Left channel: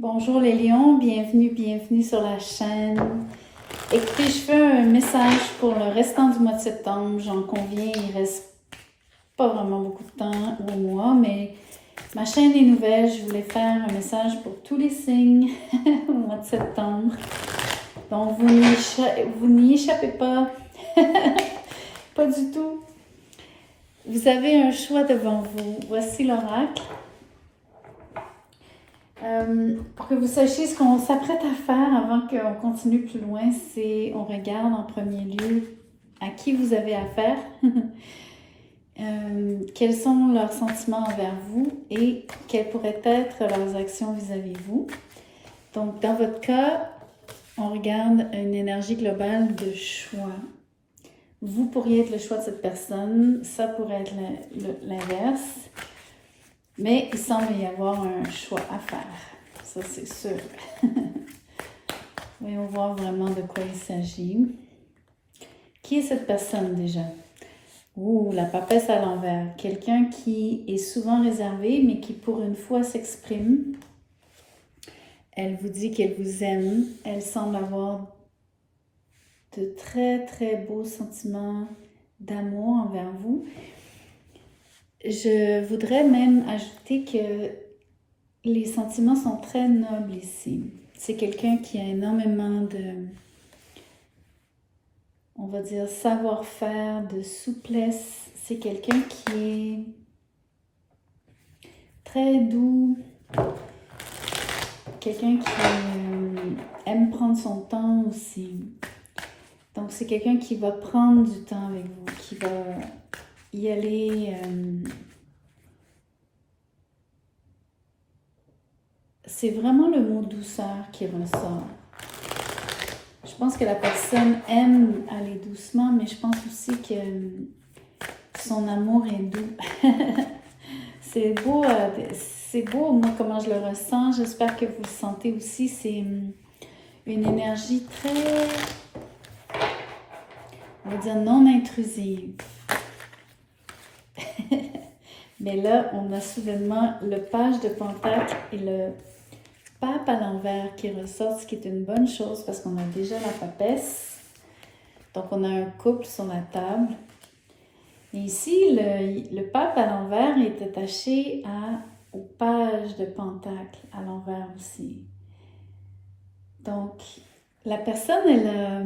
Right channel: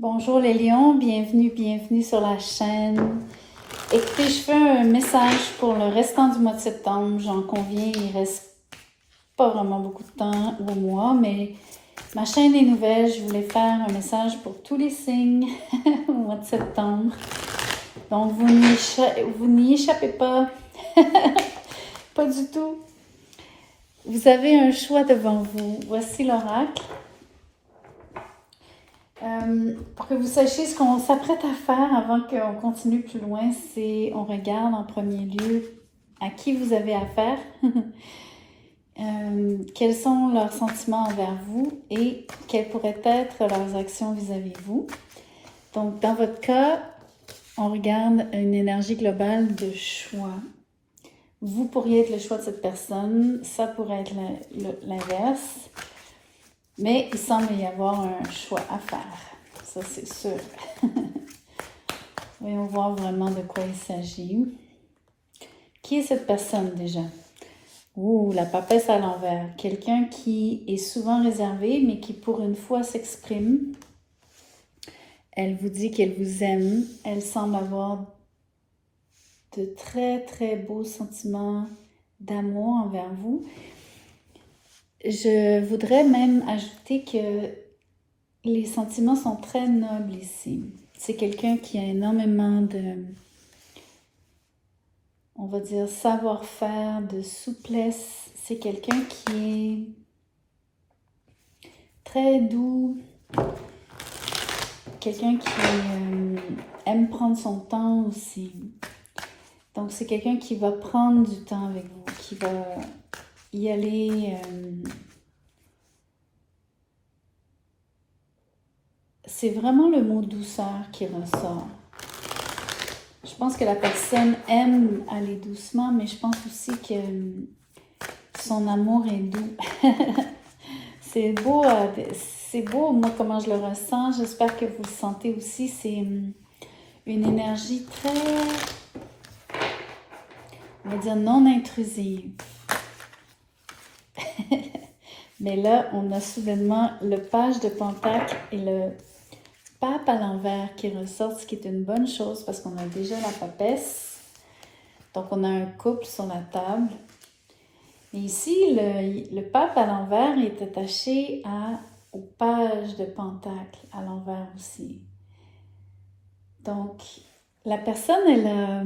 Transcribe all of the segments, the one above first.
Bonjour les lions, bienvenue sur la chaîne. Écoutez, je fais un message pour le restant du mois de septembre. J'en conviens, il reste pas vraiment beaucoup de temps au mois, mais ma chaîne est nouvelle. Je voulais faire un message pour tous les signes au mois de septembre. Donc, vous n'y échappez pas. Pas du tout. Vous avez un choix devant vous. Voici l'oracle. Pour que vous sachiez ce qu'on s'apprête à faire avant qu'on continue plus loin, c'est on regarde en premier lieu à qui vous avez affaire, quels sont leurs sentiments envers vous et quelles pourraient être leurs actions vis-à-vis de vous. Donc, dans votre cas, on regarde une énergie globale de choix. Vous pourriez être le choix de cette personne, ça pourrait être l'inverse, mais il semble y avoir un choix à faire. Ça, c'est sûr. Voyons voir vraiment de quoi il s'agit. Qui est cette personne déjà? Ouh, la papesse à l'envers. Quelqu'un qui est souvent réservé, mais qui pour une fois s'exprime. Elle vous dit qu'elle vous aime. Elle semble avoir de très, très beaux sentiments d'amour envers vous. Je voudrais même ajouter que les sentiments sont très nobles ici. C'est quelqu'un qui a énormément de, on va dire, savoir-faire, de souplesse. C'est quelqu'un qui est très doux. Quelqu'un qui aime prendre son temps aussi. Donc, c'est quelqu'un qui va prendre du temps avec vous, qui va y aller... c'est vraiment le mot douceur qui ressort. Je pense que la personne aime aller doucement, mais je pense aussi que son amour est doux. C'est beau, moi, comment je le ressens. J'espère que vous le sentez aussi. C'est une énergie très, on va dire, non intrusive. Mais là, on a soudainement le page de Pentacle et le pape à l'envers qui ressort, ce qui est une bonne chose parce qu'on a déjà la papesse. Donc, on a un couple sur la table. Et ici, le pape à l'envers est attaché au page de Pentacle à l'envers aussi. Donc, la personne, elle a,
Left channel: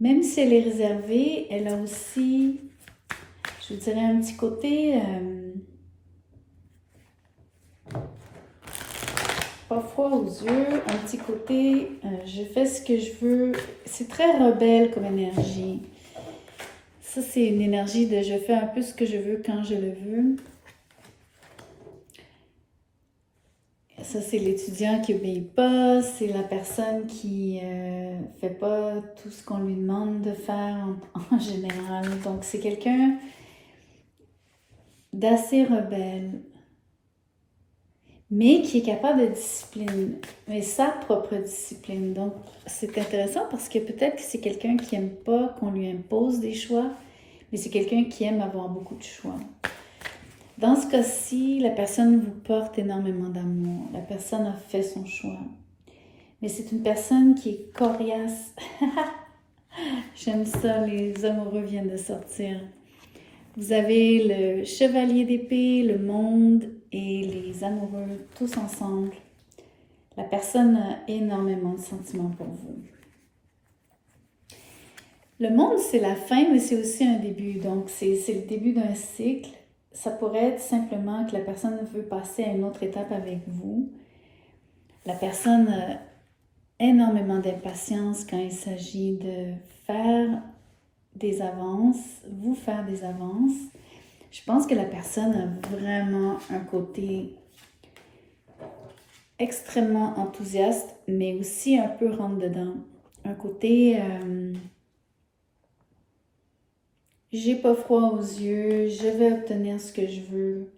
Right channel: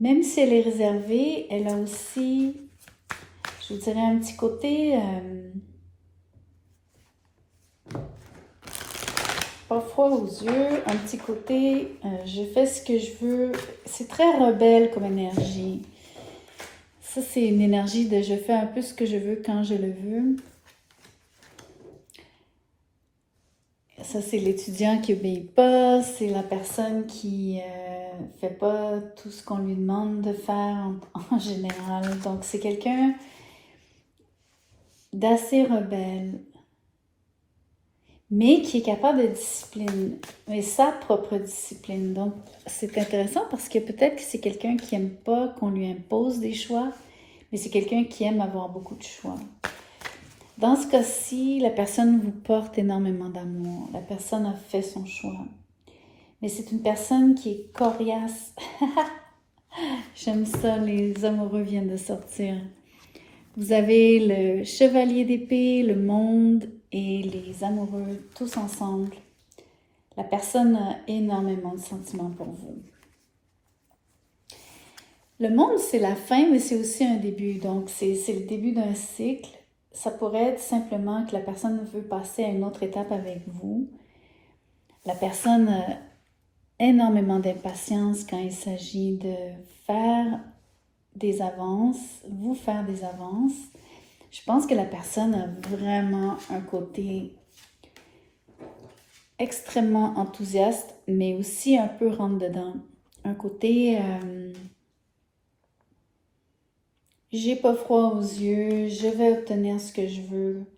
même si elle est réservée, elle a aussi, je vous dirais, un petit côté pas froid aux yeux, un petit côté je fais ce que je veux. C'est très rebelle comme énergie. Ça, c'est une énergie de je fais un peu ce que je veux quand je le veux. Ça, c'est l'étudiant qui n'obéit pas, c'est la personne qui fait pas tout ce qu'on lui demande de faire en général. Donc, c'est quelqu'un d'assez rebelle, mais qui est capable de discipline, mais sa propre discipline. Donc, c'est intéressant parce que peut-être que c'est quelqu'un qui n'aime pas qu'on lui impose des choix, mais c'est quelqu'un qui aime avoir beaucoup de choix. Dans ce cas-ci, la personne vous porte énormément d'amour. La personne a fait son choix. Mais c'est une personne qui est coriace. J'aime ça, les amoureux viennent de sortir. Vous avez le chevalier d'épée, le monde et les amoureux tous ensemble. La personne a énormément de sentiments pour vous. Le monde, c'est la fin, mais c'est aussi un début. Donc, c'est le début d'un cycle. Ça pourrait être simplement que la personne veut passer à une autre étape avec vous. La personne a énormément d'impatience quand il s'agit de faire des avances, vous faire des avances. Je pense que la personne a vraiment un côté extrêmement enthousiaste, mais aussi un peu rentre-dedans. Un côté... j'ai pas froid aux yeux, je vais obtenir ce que je veux.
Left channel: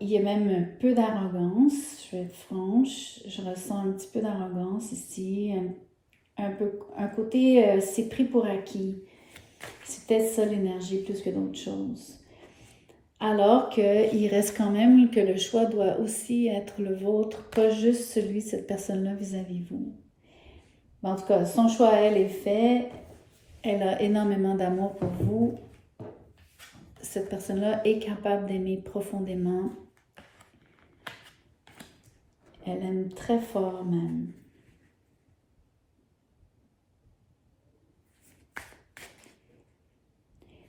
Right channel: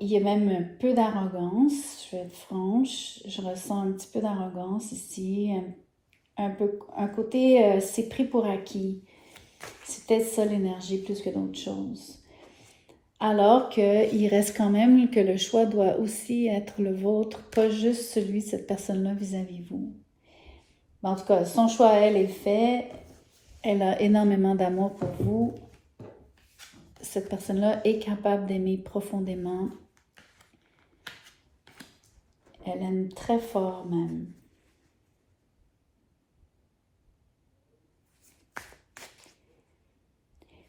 Il y a même un peu d'arrogance, je vais être franche. Je ressens un petit peu d'arrogance ici, un côté c'est pris pour acquis. C'est peut-être ça l'énergie plus que d'autres choses. Alors qu'il reste quand même que le choix doit aussi être le vôtre, pas juste celui de cette personne-là vis-à-vis vous. En tout cas, son choix, elle, est fait. Elle a énormément d'amour pour vous. Cette personne-là est capable d'aimer profondément. Elle aime très fort même.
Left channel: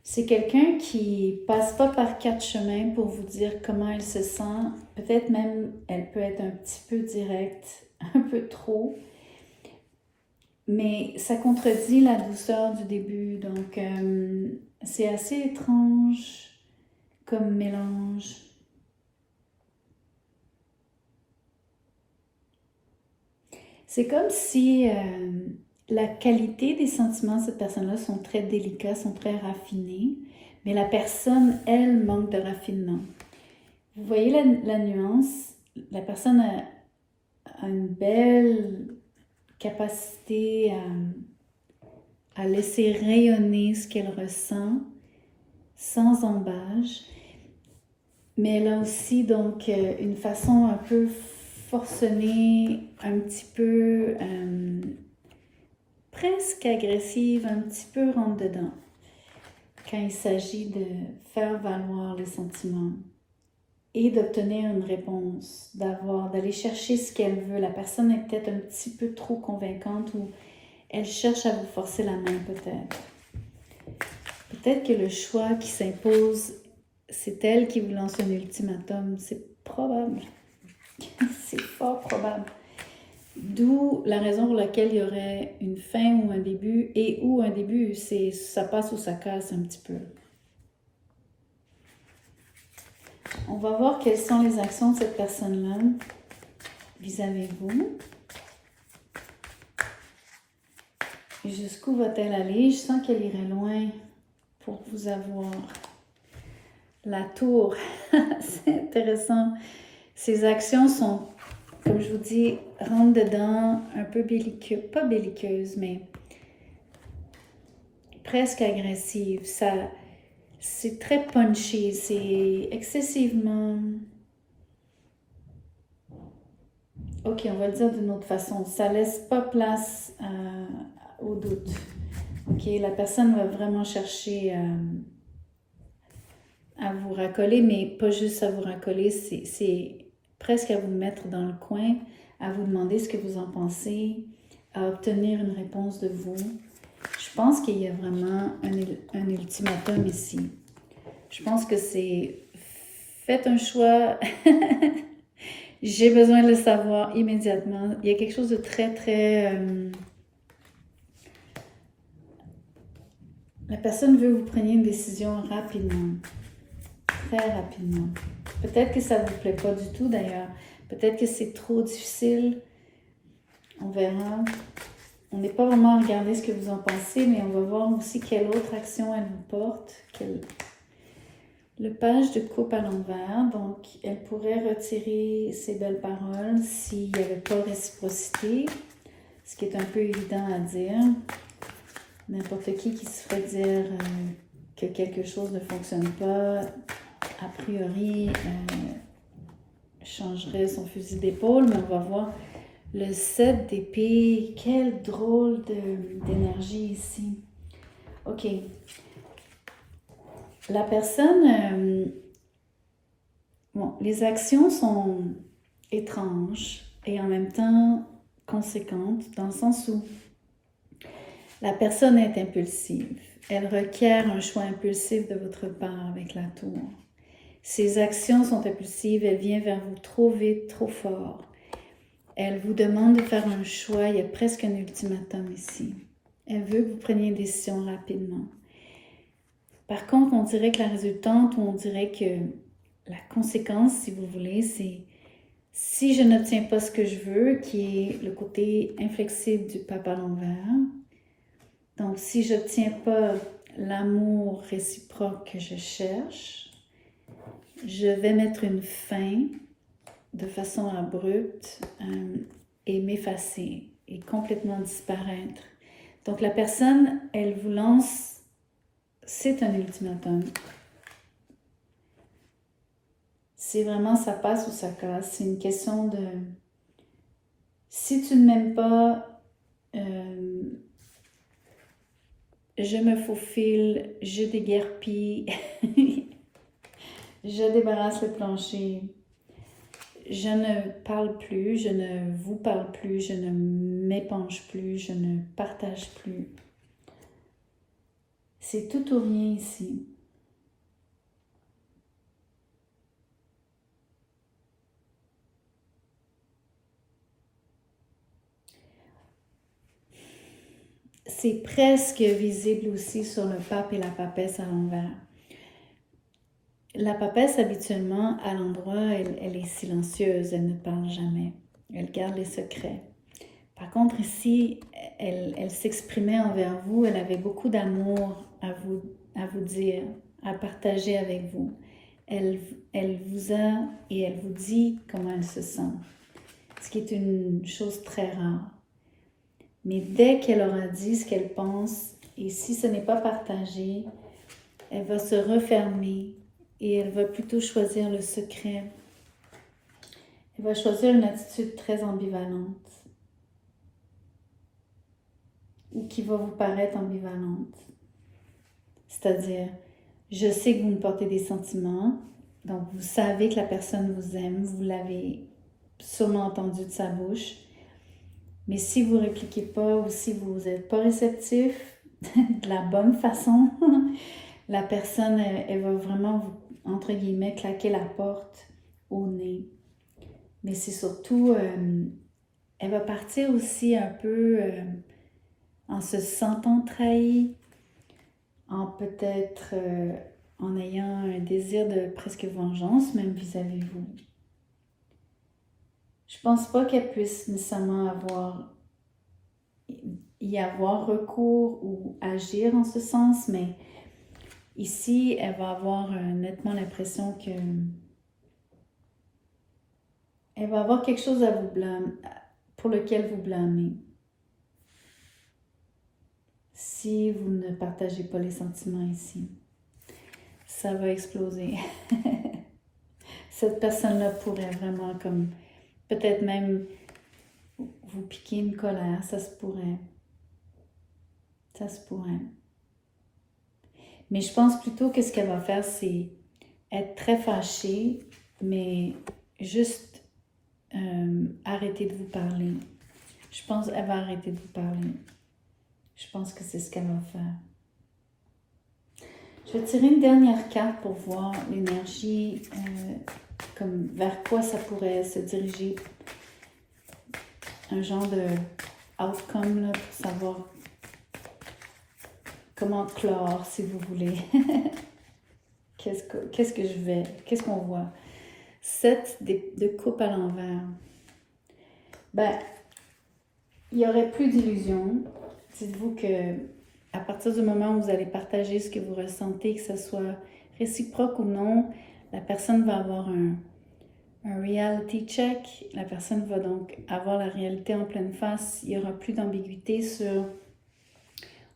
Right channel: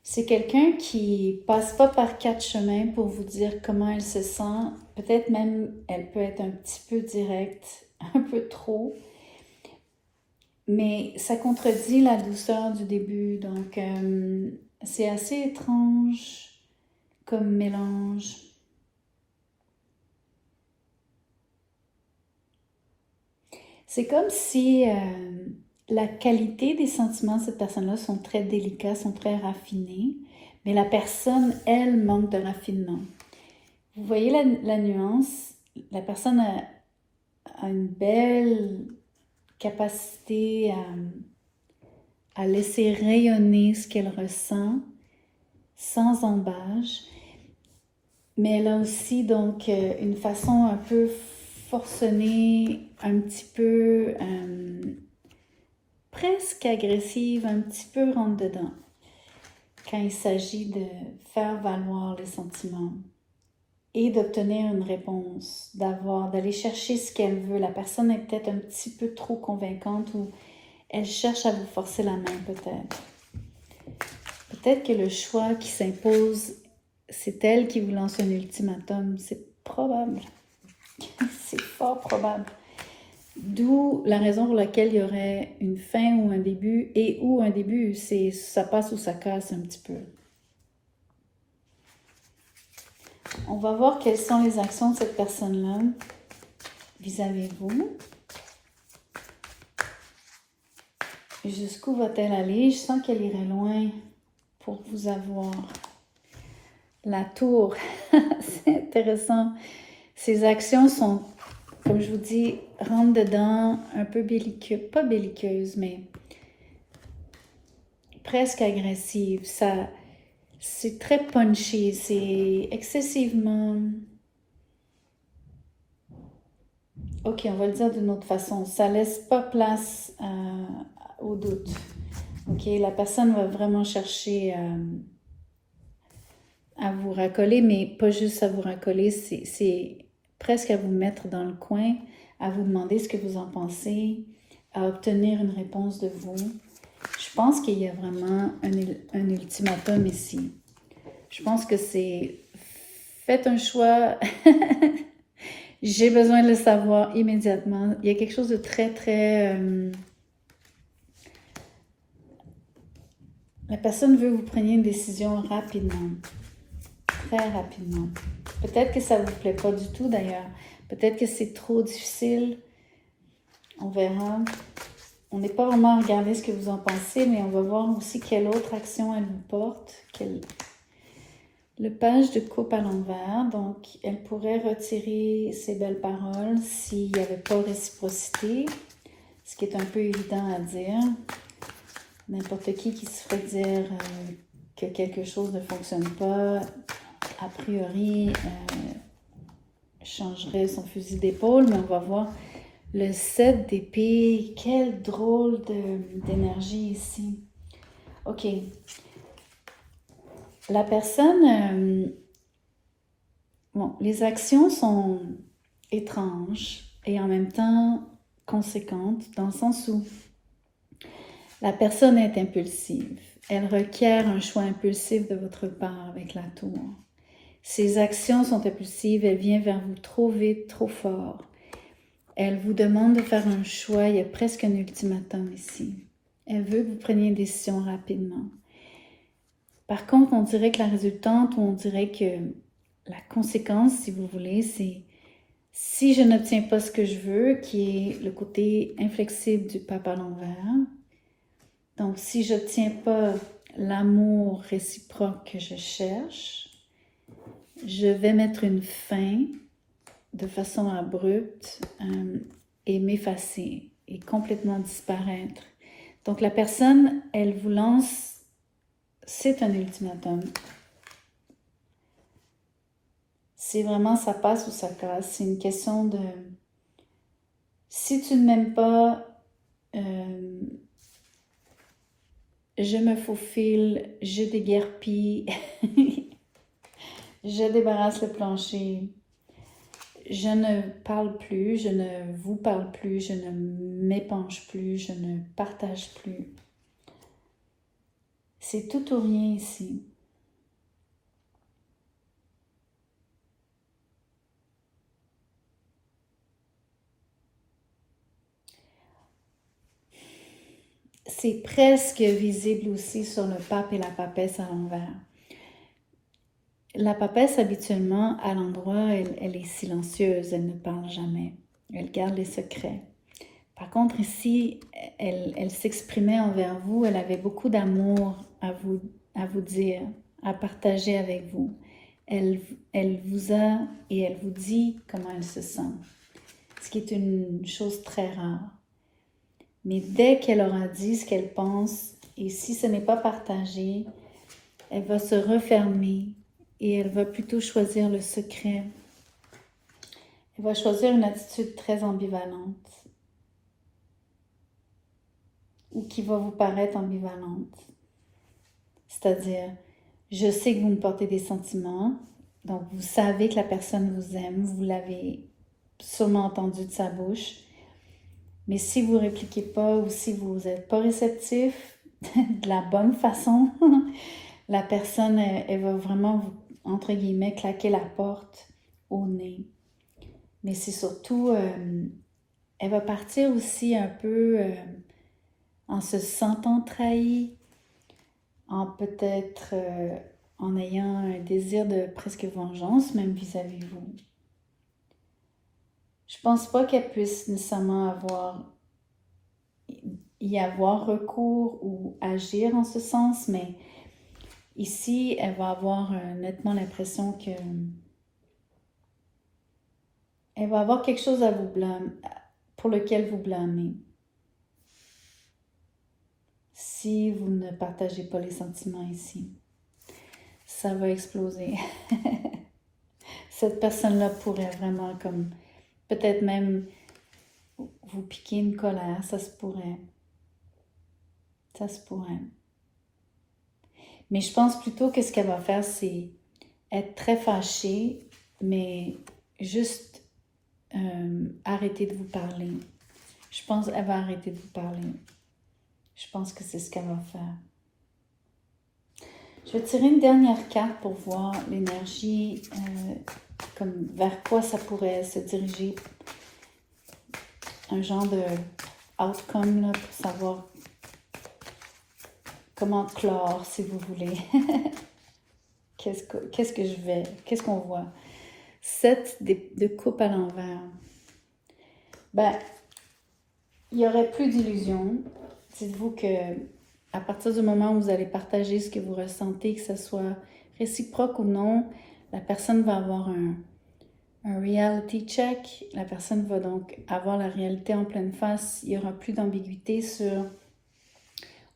C'est quelqu'un qui passe pas par 4 chemins pour vous dire comment elle se sent. Peut-être même, elle peut être un petit peu directe, un peu trop. Mais ça contredit la douceur du début. Donc, c'est assez étrange comme mélange. C'est comme si la qualité des sentiments de cette personne-là sont très délicats, sont très raffinés, mais la personne, elle, manque de raffinement. Vous voyez la nuance? La personne a une belle capacité à laisser rayonner ce qu'elle ressent sans embâche, mais elle a aussi donc une façon un peu forcenée, un petit peu presque agressive, un petit peu rentre-dedans quand il s'agit de faire valoir les sentiments et d'obtenir une réponse, d'aller chercher ce qu'elle veut. La personne est peut-être un petit peu trop convaincante ou elle cherche à vous forcer la main peut-être. Peut-être que le choix qui s'impose, c'est elle qui vous lance un ultimatum. C'est probable. C'est fort probable. D'où la raison pour laquelle il y aurait une fin ou un début, et où un début, c'est ça passe ou ça casse un petit peu. On va voir quelles sont les actions de cette personne-là vis-à-vis de vous. Jusqu'où va-t-elle aller? Je sens qu'elle irait loin pour vous avoir. La tour, c'est intéressant. Ces actions sont, comme je vous dis, rentre dedans, un peu belliqueuses, pas belliqueuses, mais presque agressives. C'est très punchy, c'est excessivement... Ok, on va le dire d'une autre façon. Ça laisse pas place au doute. Ok, la personne va vraiment chercher à vous racoler, mais pas juste à vous racoler, c'est presque à vous mettre dans le coin, à vous demander ce que vous en pensez, à obtenir une réponse de vous. Je pense qu'il y a vraiment un ultimatum ici. Je pense que c'est faites un choix. J'ai besoin de le savoir immédiatement. Il y a quelque chose de très, très... la personne veut que vous preniez une décision rapidement. Très rapidement. Peut-être que ça ne vous plaît pas du tout d'ailleurs. Peut-être que c'est trop difficile. On verra. On n'est pas vraiment à regarder ce que vous en pensez, mais on va voir aussi quelle autre action elle vous porte. Le page de coupe à l'envers, donc elle pourrait retirer ses belles paroles s'il n'y avait pas de réciprocité, ce qui est un peu évident à dire. N'importe qui se ferait dire que quelque chose ne fonctionne pas, a priori, changerait son fusil d'épaule, mais on va voir le 7 d'épée. Quelle drôle d'énergie ici. Ok. La personne, bon, les actions sont étranges et en même temps conséquentes dans le sens où la personne est impulsive. Elle requiert un choix impulsif de votre part avec la tour. Ses actions sont impulsives, elle vient vers vous trop vite, trop fort. Elle vous demande de faire un choix, il y a presque un ultimatum ici. Elle veut que vous preniez une décision rapidement. Par contre, on dirait que la résultante, ou on dirait que la conséquence, si vous voulez, c'est si je n'obtiens pas ce que je veux, qui est le côté inflexible du pape à l'envers. Donc, si je n'obtiens pas l'amour réciproque que je cherche, je vais mettre une fin de façon abrupte et m'effacer et complètement disparaître. Donc, la personne, elle vous lance, c'est un ultimatum. C'est vraiment ça passe ou ça casse. C'est une question de... Si tu ne m'aimes pas, je me faufile, je déguerpis, je débarrasse le plancher, je ne parle plus, je ne vous parle plus, je ne m'épanche plus, je ne partage plus. C'est tout ou rien ici. C'est presque visible aussi sur le pape et la papesse à l'envers. La papesse, habituellement, à l'endroit, elle est silencieuse, elle ne parle jamais. Elle garde les secrets. Par contre, ici, elle s'exprimait envers vous, elle avait beaucoup d'amour à vous dire, à partager avec vous. Elle vous a et elle vous dit comment elle se sent, ce qui est une chose très rare. Mais dès qu'elle aura dit ce qu'elle pense, et si ce n'est pas partagé, elle va se refermer et elle va plutôt choisir le secret. Elle va choisir une attitude très ambivalente ou qui va vous paraître ambivalente. C'est-à-dire, je sais que vous me portez des sentiments, donc vous savez que la personne vous aime, vous l'avez sûrement entendu de sa bouche, mais si vous ne répliquez pas ou si vous n'êtes pas réceptif de la bonne façon, la personne, elle va vraiment vous, entre guillemets, claquer la porte au nez. Mais c'est surtout, elle va partir aussi un peu en se sentant trahie, en peut-être en ayant un désir de presque vengeance, même vis-à-vis de vous. Je pense pas qu'elle puisse nécessairement y avoir recours ou agir en ce sens, mais ici, elle va avoir nettement l'impression que elle va avoir quelque chose à vous blâmer, pour lequel vous blâmez. Si vous ne partagez pas les sentiments ici, ça va exploser. Cette personne-là pourrait vraiment comme, peut-être même vous piquer une colère, ça se pourrait. Ça se pourrait. Mais je pense plutôt que ce qu'elle va faire, c'est être très fâchée, mais juste arrêter de vous parler. Je pense qu'elle va arrêter de vous parler. Je pense que c'est ce qu'elle va faire. Je vais tirer une dernière carte pour voir l'énergie, comme vers quoi ça pourrait se diriger. Un genre de outcome là, pour savoir comment clore, si vous voulez. Qu'est-ce qu'on voit? 7 de coupe à l'envers. Ben, il n'y aurait plus d'illusion. Dites-vous que à partir du moment où vous allez partager ce que vous ressentez, que ce soit réciproque ou non, la personne va avoir un reality check. La personne va donc avoir la réalité en pleine face. Il n'y aura plus d'ambiguïté sur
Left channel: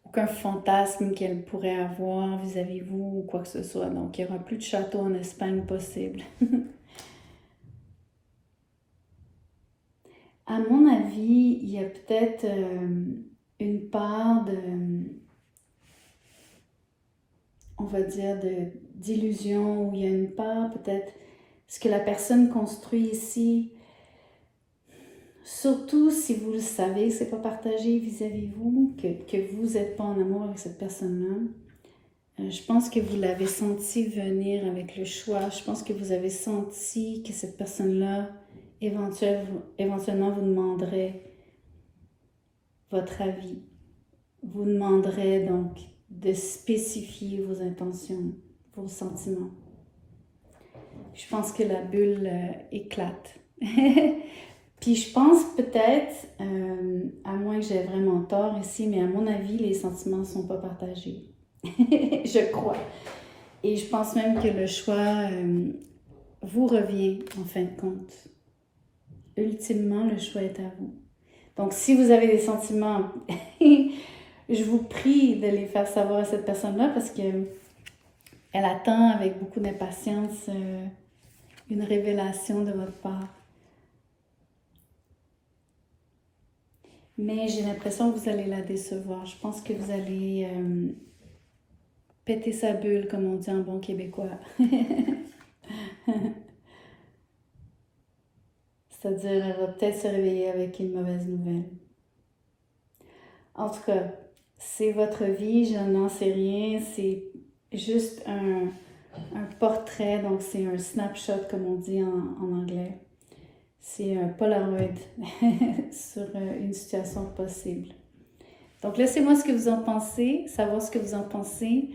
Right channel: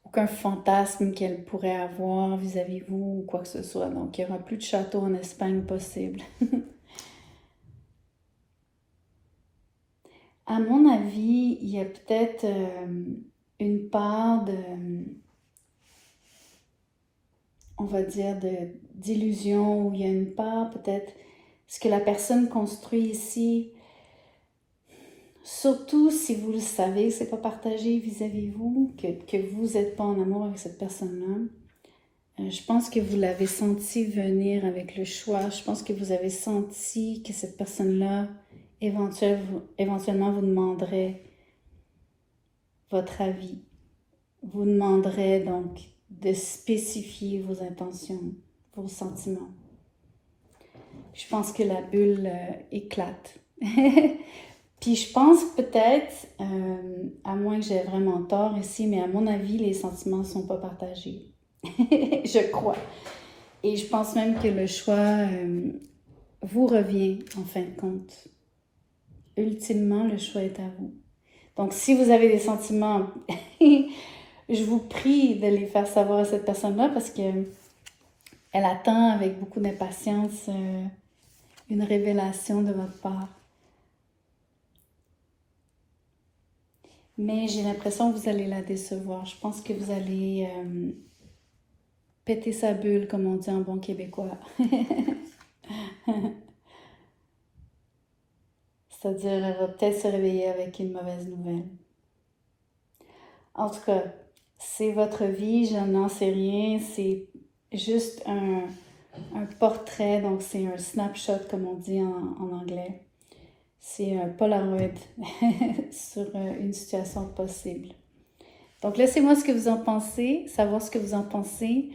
aucun fantasme qu'elle pourrait avoir vis-à-vis vous ou quoi que ce soit. Donc, il n'y aura plus de château en Espagne possible. À mon avis, il y a peut-être une part de, on va dire, d'illusion, où il y a une part peut-être, ce que la personne construit ici, surtout si vous le savez, que ce n'est pas partagé vis-à-vis de vous, que vous n'êtes pas en amour avec cette personne-là. Je pense que vous l'avez senti venir avec le choix. Je pense que vous avez senti que cette personne-là, éventuellement, vous demanderait votre avis. Vous demanderait donc de spécifier vos intentions, vos sentiments. Je pense que la bulle éclate. Puis je pense peut-être, à moins que j'ai vraiment tort ici, mais à mon avis, les sentiments ne sont pas partagés. Je crois. Et je pense même que le choix vous revient en fin de compte. Ultimement, le choix est à vous. Donc, si vous avez des sentiments, je vous prie de les faire savoir à cette personne-là parce que elle attend avec beaucoup d'impatience une révélation de votre part. Mais j'ai l'impression que vous allez la décevoir. Je pense que vous allez péter sa bulle, comme on dit en bon québécois. C'est-à-dire, elle va peut-être se réveiller avec une mauvaise nouvelle. En tout cas, c'est votre vie, je n'en sais rien. C'est juste un portrait, donc c'est un snapshot, comme on dit en anglais. C'est un Polaroid sur une situation possible. Donc, laissez-moi ce que vous en pensez, savoir ce que vous en pensez.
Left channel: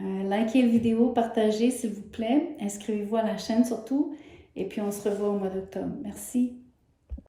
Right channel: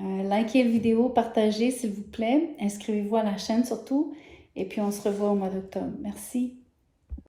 Likez la vidéo, partagez s'il vous plaît. Inscrivez-vous à la chaîne surtout. Et puis, on se revoit au mois d'octobre. Merci.